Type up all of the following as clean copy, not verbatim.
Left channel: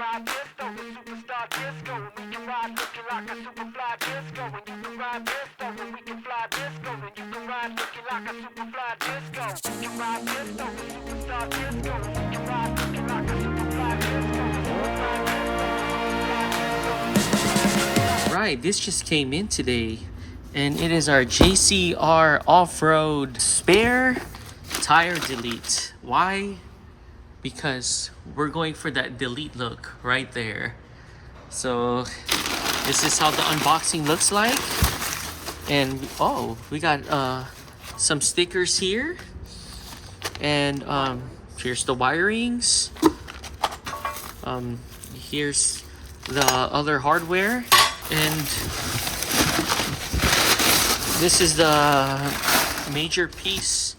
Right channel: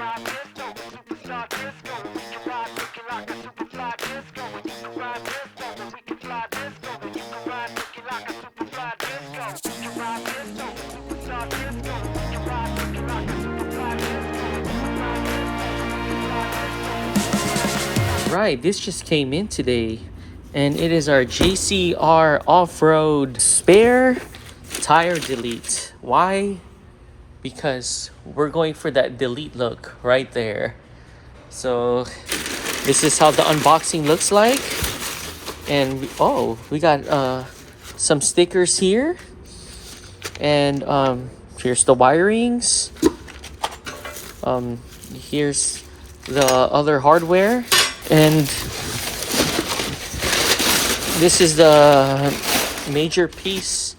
ride disco with superstar disco. We can ride looking like a superfly disco. And you can ride disco and we can fly disco. And you can ride looking like a superfly disco. We can ride disco with superstar disco. We can ride looking like a superfly disco. And you can ride disco with superfly disco. Right, this just came in today, and it is our JCR Off-Road spare tire delete. Why? Because we're going for that delete look right there. So this is how the unboxing looks like. And we got some stickers here, and here's the wirings. Here's the other hardware, and this is the major piece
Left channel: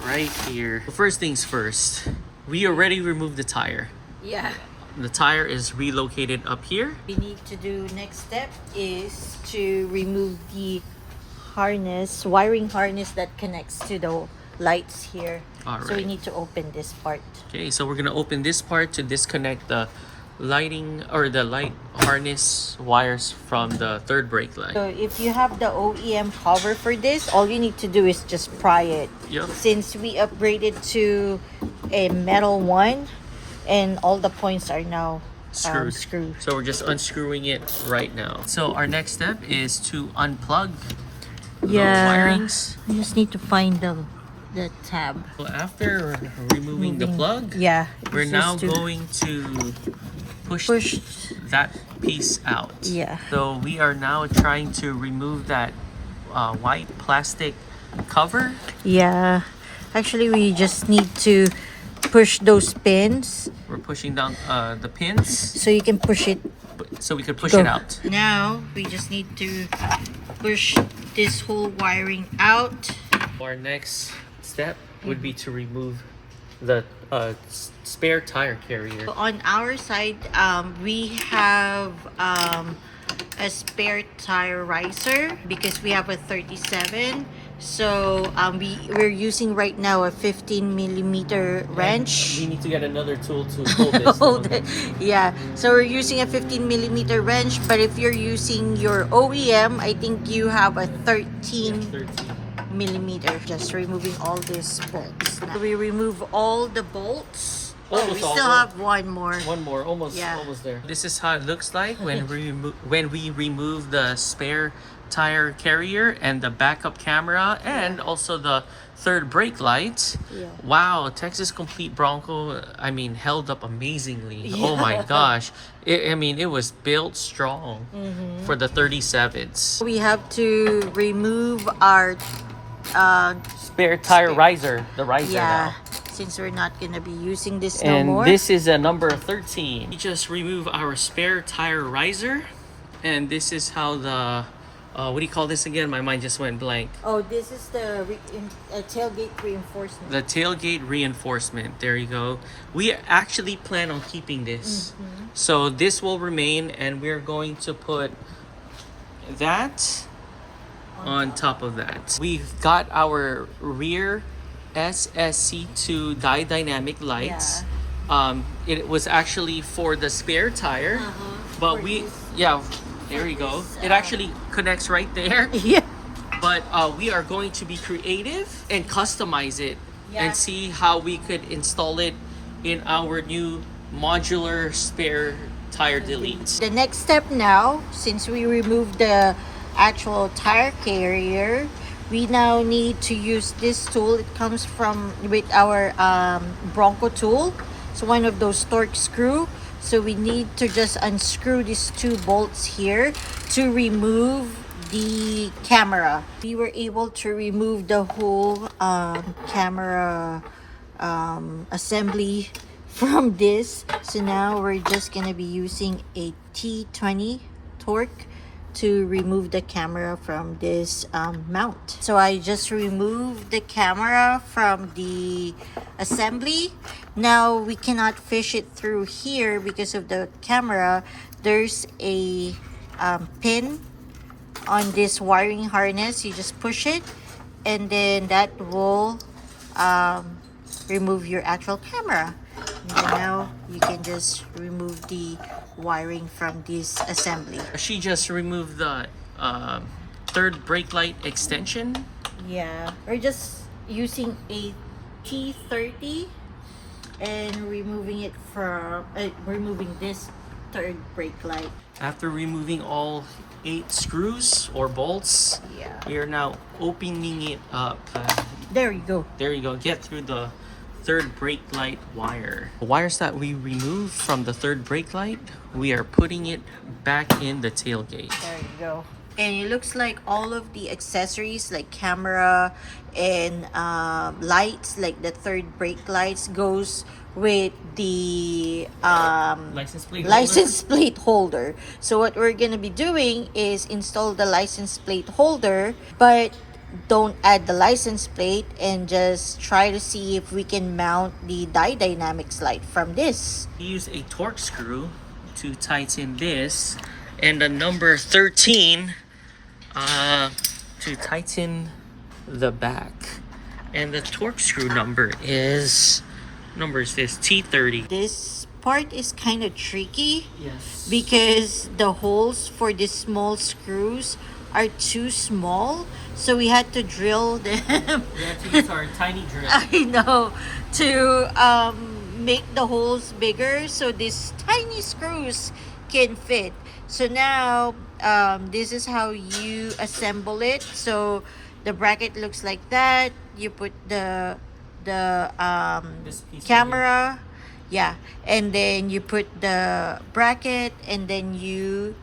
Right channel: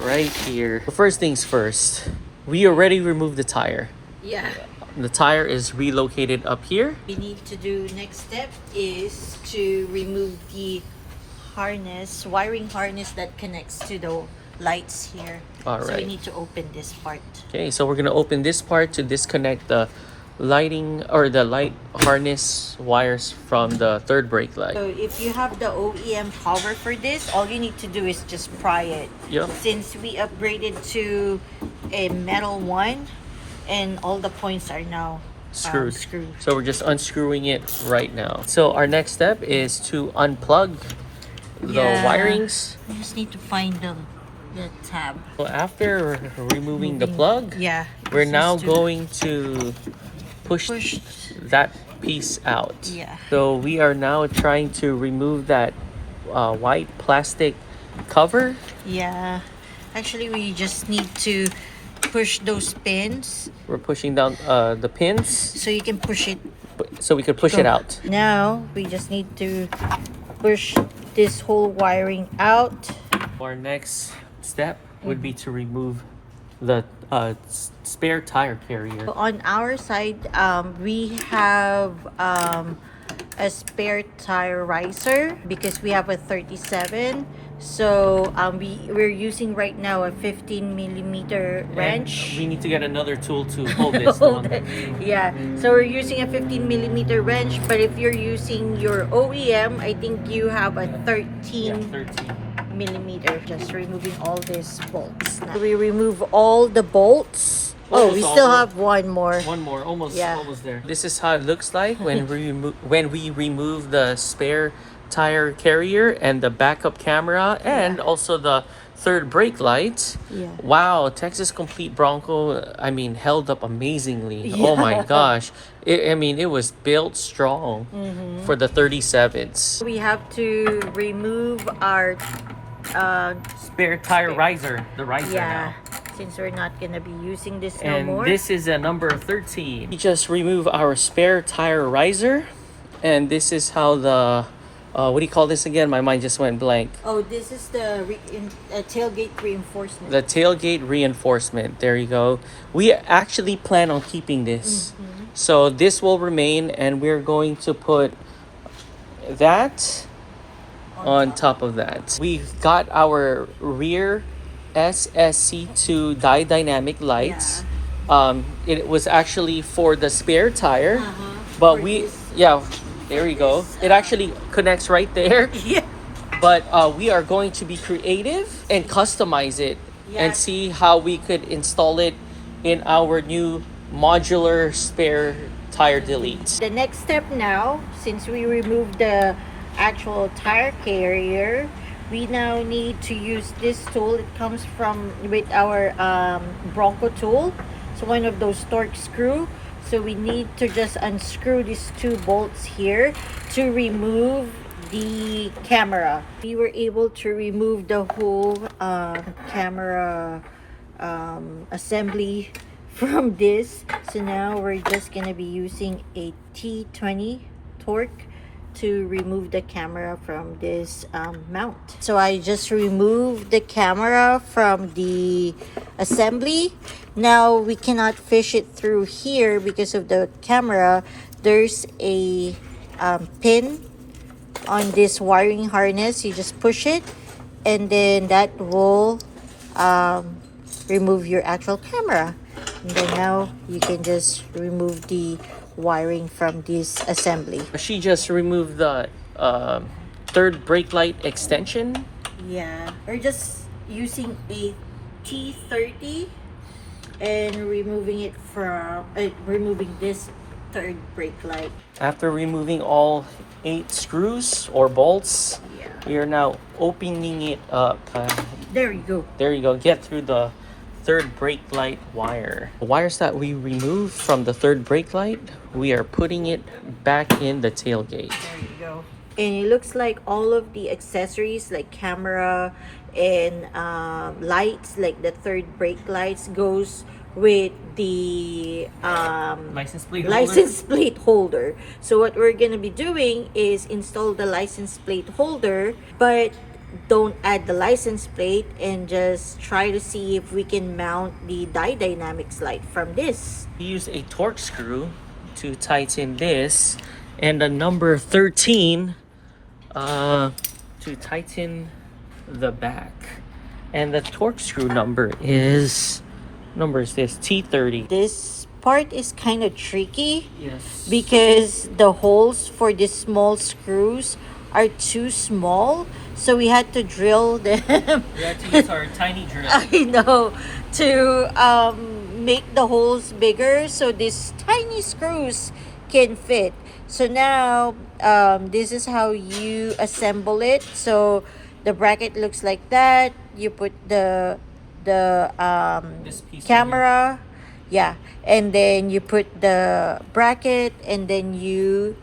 right here. First things first, we already removed the tire. Yeah. The tire is relocated up here. We need to do next step is to remove the harness, wiring harness that connects to the lights here. All So we right. need to open this part. Okay, so we're gonna open this part to disconnect the lighting or the light harness wires from the third brake light. So if you have the OEM cover for this, all you need to do is just pry it. Yeah. Since we upgraded to a metal one, and all the points are now Screwed. screwed. So we're just unscrewing it right now. So our next step is to unplug the wirings. You just need to find the tab. So after removing the plug, Yeah. we're it's now just to going to push push. that piece out. Yeah. So we are now trying to remove that white plastic cover. Yeah. Actually, we just need to push those pins We're pushing down the pins so you can push it. so we could push Go. it out. Now we just need to push this whole wiring out. Our next step would be to remove the spare tire carrier. So on our side, we have a spare tire riser because we have a 37. So we're using right now a 15mm wrench. We need to get another tool to hold this. Hold it. Yeah, so we're using a 15mm wrench, but if you're using your OEM, I think you have a 13mm. Just removing all these bolts. Now we remove all the bolts. Almost we all still of them. have one more. One more, almost there. This is how it looks like when we remove the spare tire carrier and the backup camera and also the third brake light. Yeah. Wow, Texas Complete Bronco, held up amazingly. Oh my gosh. It was built strong for the 37s. We have to remove our Spare tire riser, the riser yeah, now. since we're not gonna be using this no And more. this is a number 13. We just remove our spare tire riser, and this is how the what do you call this again? My mind just went blank. Oh, this is the tailgate reinforcement. The tailgate reinforcement. There you go. We actually plan on keeping this. So this will remain, and we're going to put that on top of that. We got our rear SSC2 dynamic lights. It was actually for the spare tire, but there you go. It actually connects right there. Yeah. But we are going to be creative and customize it and see how we could install it in our new modular spare tire delete. The next step now, since we removed the actual tire carrier, we now need to use this tool. It comes with our Bronco tool. So one of those torque screw. So we need to just unscrew these two bolts here to remove the camera. We were able to remove the whole camera assembly from this. So now we're just gonna be using a T20 torque to remove the camera from this mount. So I just removed the camera from the assembly. Now we cannot fish it through here because of the camera. There's a pin on this wiring harness. You just push it and then that will remove your actual camera. And then now you can just remove the wiring from this assembly. She just removed the third brake light extension. Yeah, we're just using a T30 and removing it from removing this third brake light. After removing all 8 screws or bolts, Yeah. we are now opening it up. There you go. There you go. Get through the third brake light wire. The wires that we removed from the third brake light, we are putting it back in the tailgate. There you go. And it looks like all of the accessories like camera and lights, like the third brake lights, goes with the license plate holder. So what we're gonna be doing is install the license plate holder, but don't add the license plate, and just try to see if we can mount the dynamics light from this. We use a torque screw to tighten this, and the number 13 to tighten the back. And the torque screw number is this T30. This part is kind of tricky. Yes. Because the holes for these small screws are too small, so we had to drill them. We have to use our tiny drill. I know, to make the holes bigger so these tiny screws can fit. So now this is how you assemble it. So the bracket looks like that. You put the This piece camera, yeah, and then you put the bracket, and then you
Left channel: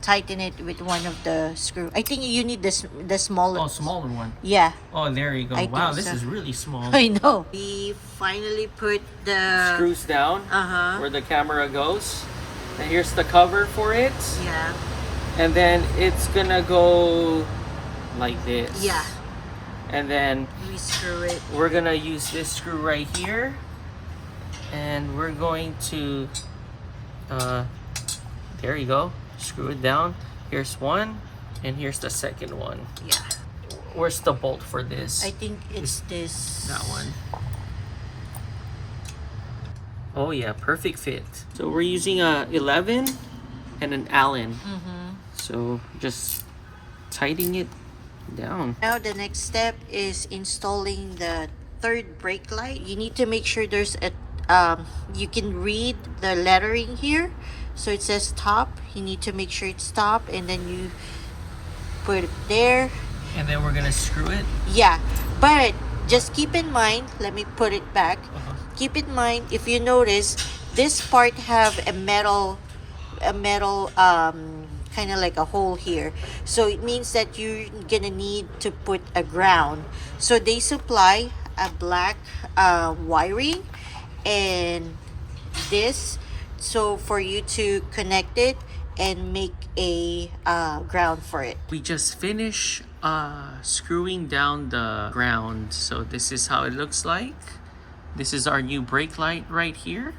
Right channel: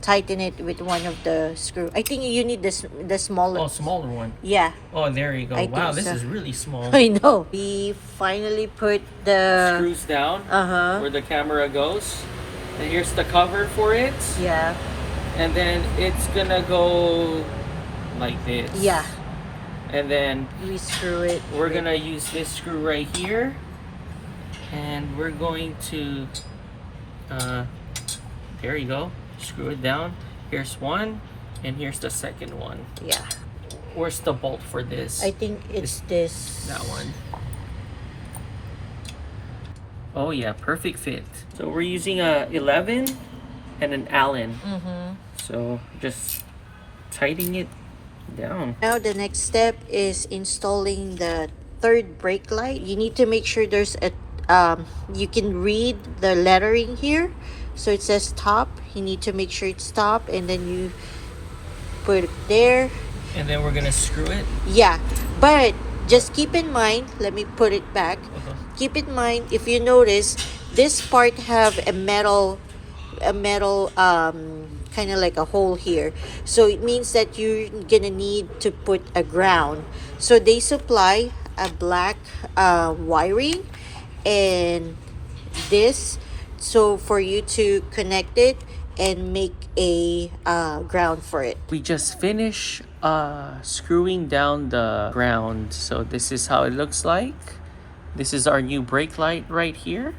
tighten it with one of the screw. I think you need the smaller. Oh, smaller one. Yeah. Oh, there you go. I Wow, think this so. is really small. I know. We finally put the Screws down Uh-huh. where the camera goes. And here's the cover for it. Yeah. And then it's gonna go like this. Yeah. And then We screw it. we're gonna use this screw right here, and we're going to there you go, screw it down. Here's one, and here's the second one. Yeah. Where's the bolt for this? I think it's this. That one. Oh yeah, perfect fit. So we're using a 11 and an Allen. So just tightening it down. Now the next step is installing the third brake light. You need to make sure there's a you can read the lettering here. So it says top. You need to make sure it's top, and then you put it there. And then we're gonna screw it. Yeah, but just keep in mind, let me put it back. Keep in mind, if you notice, this part have a metal kind of like a hole here. So it means that you're gonna need to put a ground. So they supply a black wiring and this, so for you to connect it and make a ground for it. We just finished screwing down the ground. So this is how it looks like. This is our new brake light right here.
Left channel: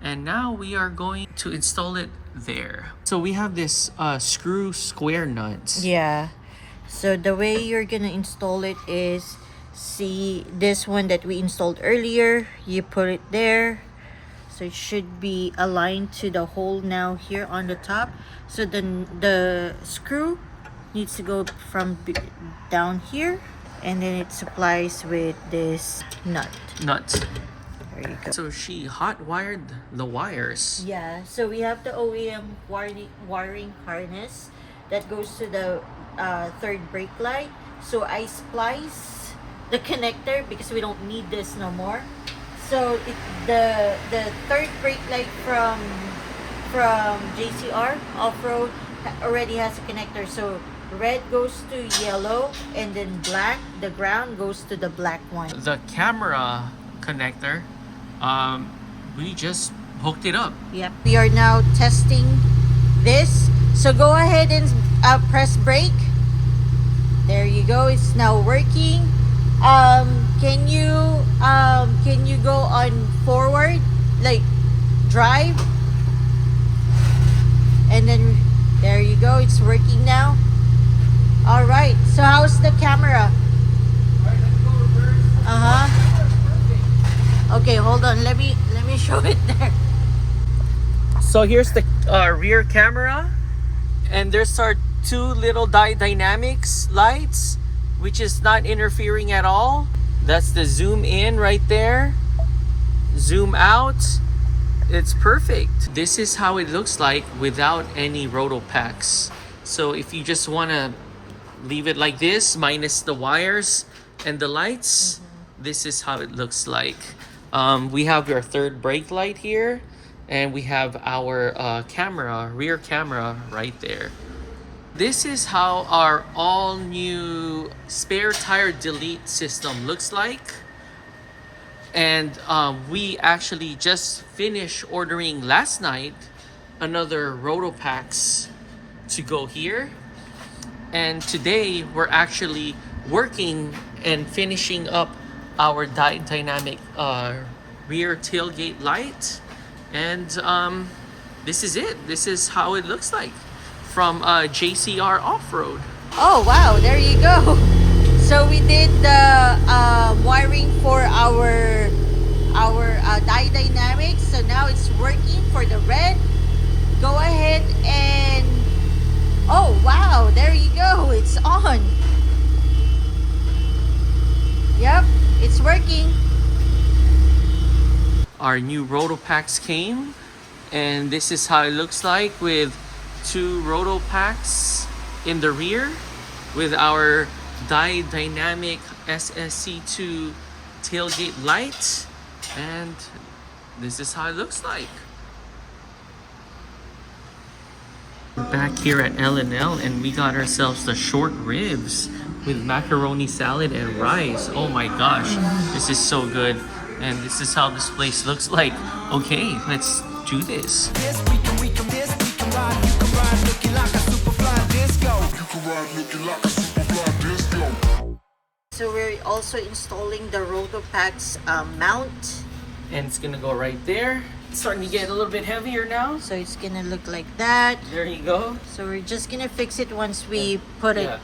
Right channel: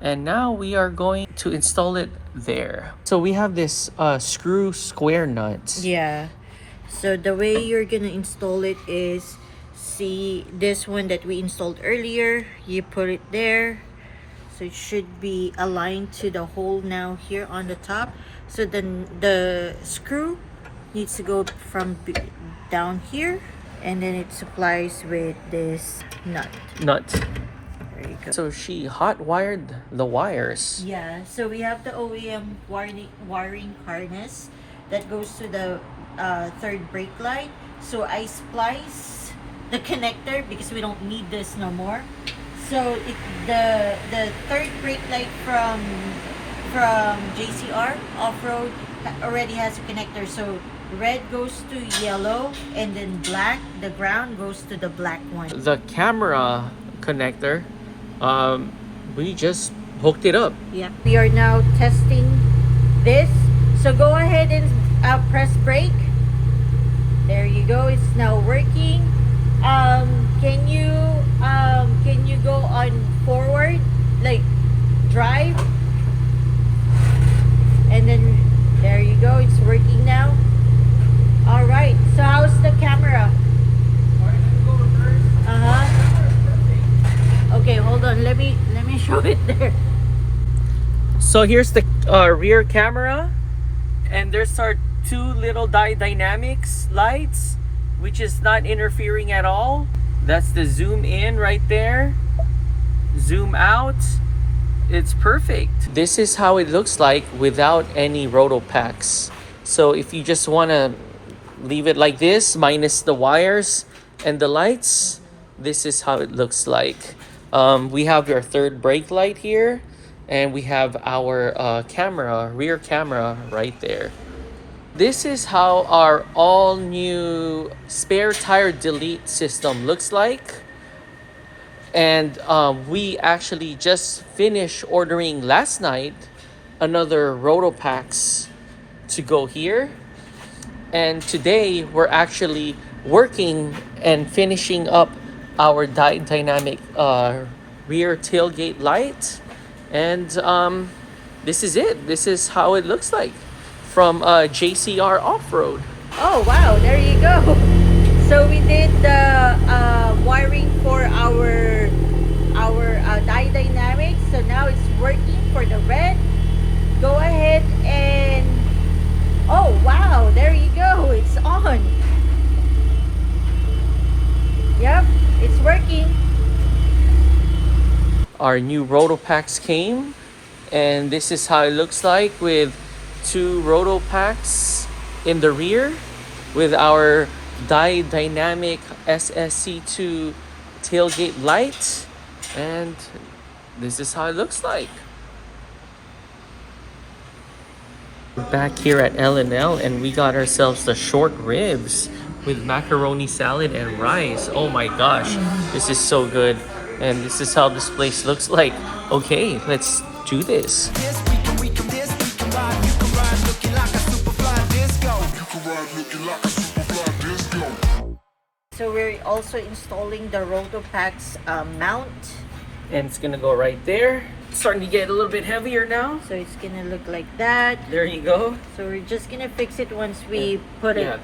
And now we are going to install it there. So we have this screw square nut. Yeah. So the way you're gonna install it is, see this one that we installed earlier, you put it there. So it should be aligned to the hole now here on the top. So then the screw needs to go from down here, and then it supplies with this nut. There you go. So she hot wired the wires. Yeah, so we have the OEM wiring harness that goes to the third brake light. So I splice the connector because we don't need this no more. So the third brake light from JCR Off-Road already has a connector. So red goes to yellow, and then black, the ground goes to the black one. The camera connector, we just hooked it up. Yeah. We are now testing this. So go ahead and press brake. There you go. It's now working. Can you go on forward, like drive? And then there you go. It's working now. All right. So how's the camera? Okay, hold on. So here's the rear camera, and there's our two little dynamics lights, which is not interfering at all. That's the zoom in right there, zoom out. It's perfect. This is how it looks like without any roto packs. So if you just want to leave it like this, minus the wires and the lights, this is how it looks like. We have our third brake light here, and we have our camera, rear camera right there. This is how our all new spare tire delete system looks like. And we actually just finished ordering last night another roto packs to go here. And today we're actually working and finishing up our dynamic rear tailgate light. And this is it. This is how it looks like from JCR Off-Road. Oh wow, there you go. So we did the wiring for our dynamics. So now it's working for the red. Go ahead and oh wow, there you go. It's on. Yep, it's working. Our new roto packs came, and this is how it looks like with two roto packs in the rear with our dynamic SSC2 tailgate light, and this is how it looks like. We're back here at L&L, and we got ourselves the short ribs with macaroni salad and rice. Oh my gosh, this is so good. And this is how this place looks like. Okay, let's do this. This we can ride. You can ride looking like a super fly disco. You can ride looking like a super fly disco. So we're also installing the Rotopacks mount. And it's gonna go right there. It's starting to get a little bit heavier now. So it's gonna look like that. There you go. So we're just gonna fix it once we put it